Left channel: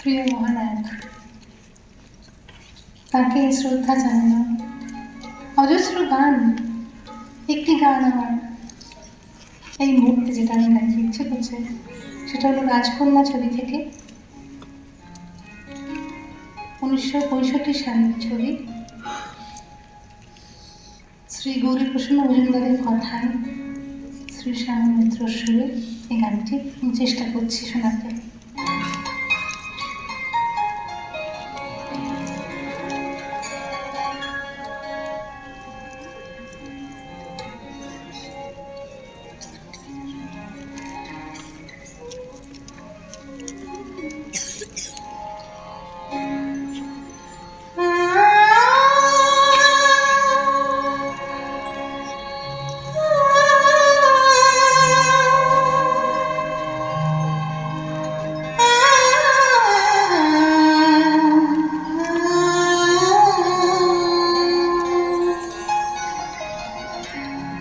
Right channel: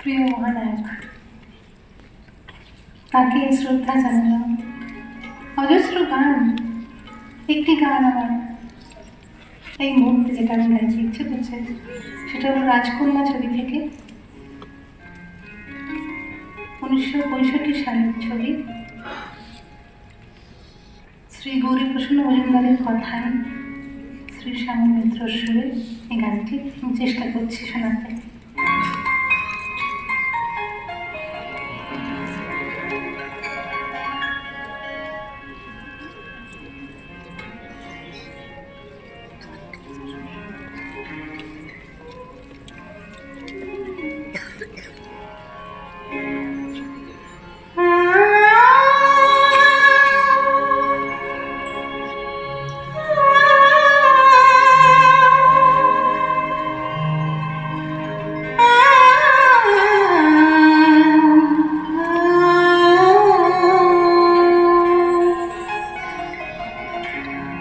প্রিয় মহানায়ক, তাকে শ্রদ্ধা জানালাম। অজস্র গান, একটি গান আমার। এই মুহূর্তে যেটা আমি গাইতে ইচ্ছে করছে, সেটা হলো রাজকন্যা ছবি থেকে। উনিশশো পঁয়ষট্টি সালের ছবি। শ্রী গৌরীপ্রসন্ন মজুমদারের কথায় শ্রী স্বামী মিত্র সুরে এই গানটি চেষ্টা করছি শোনাতে।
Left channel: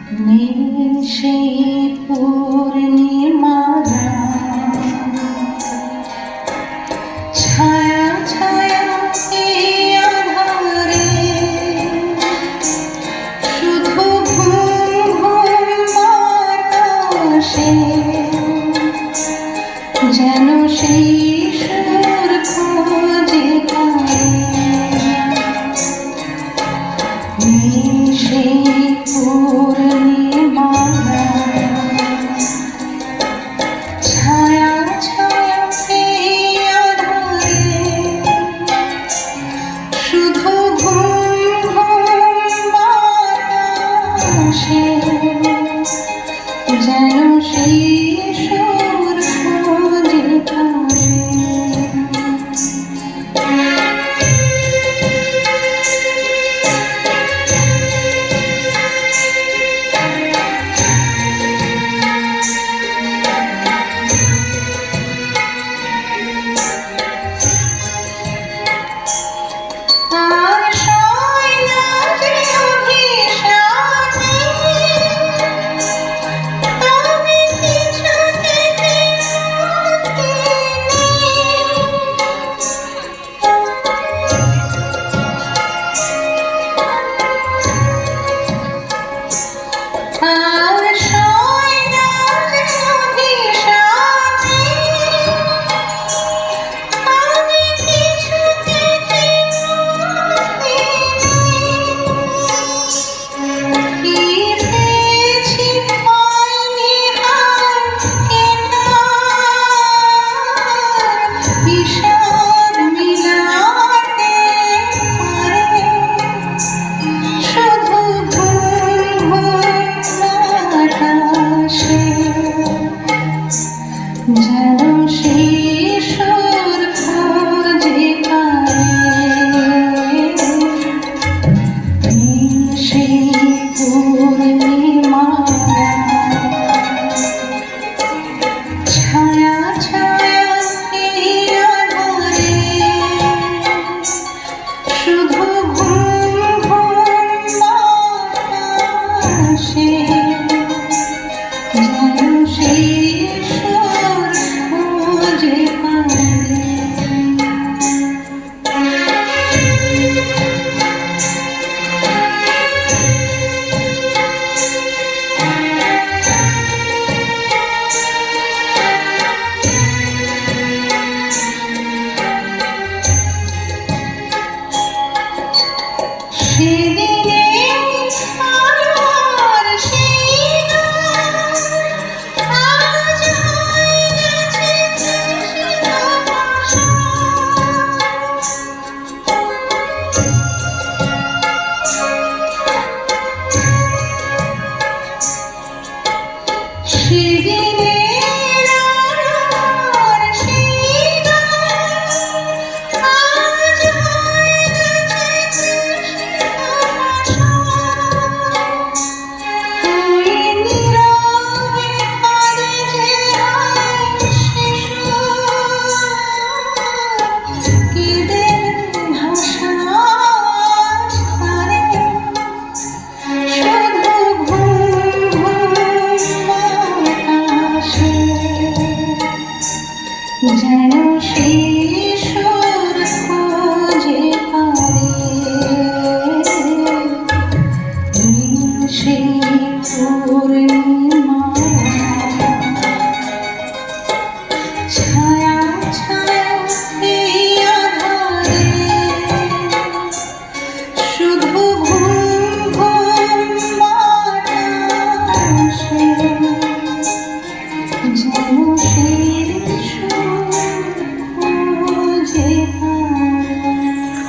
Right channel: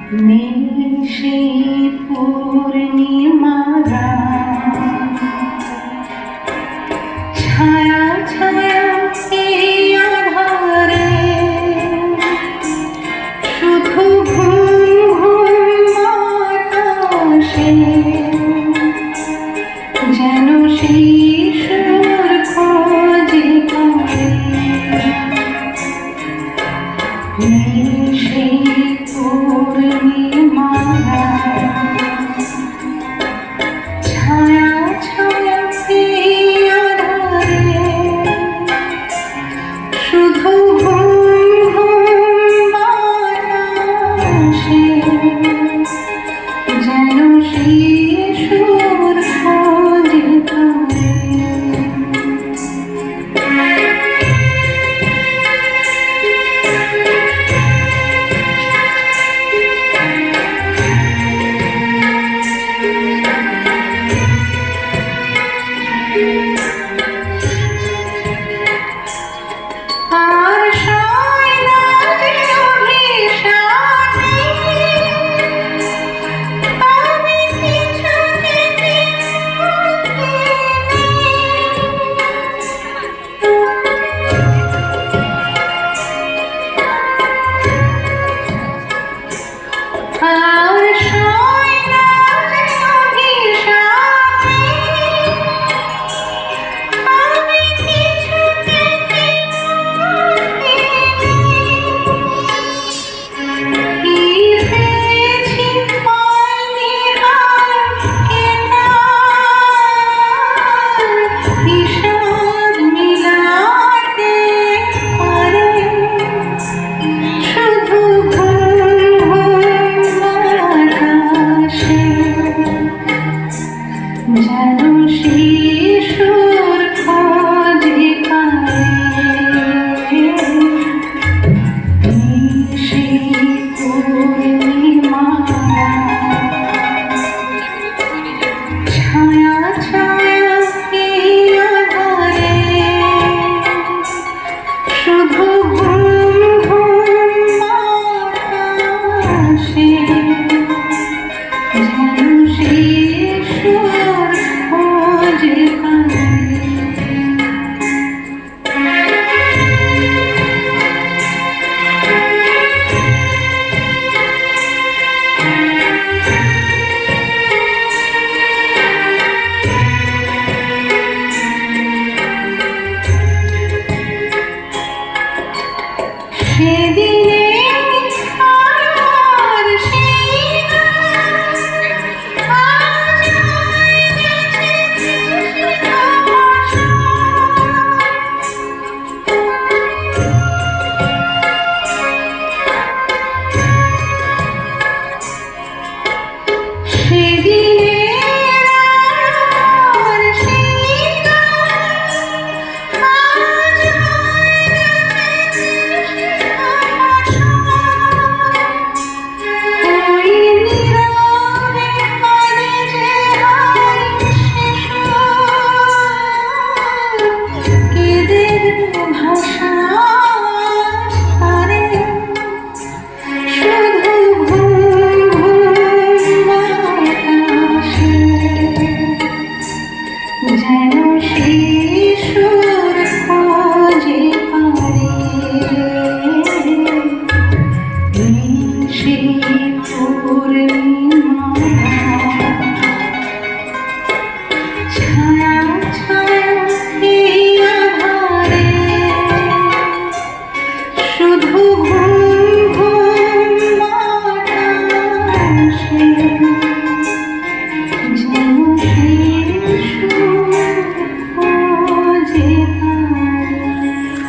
你是一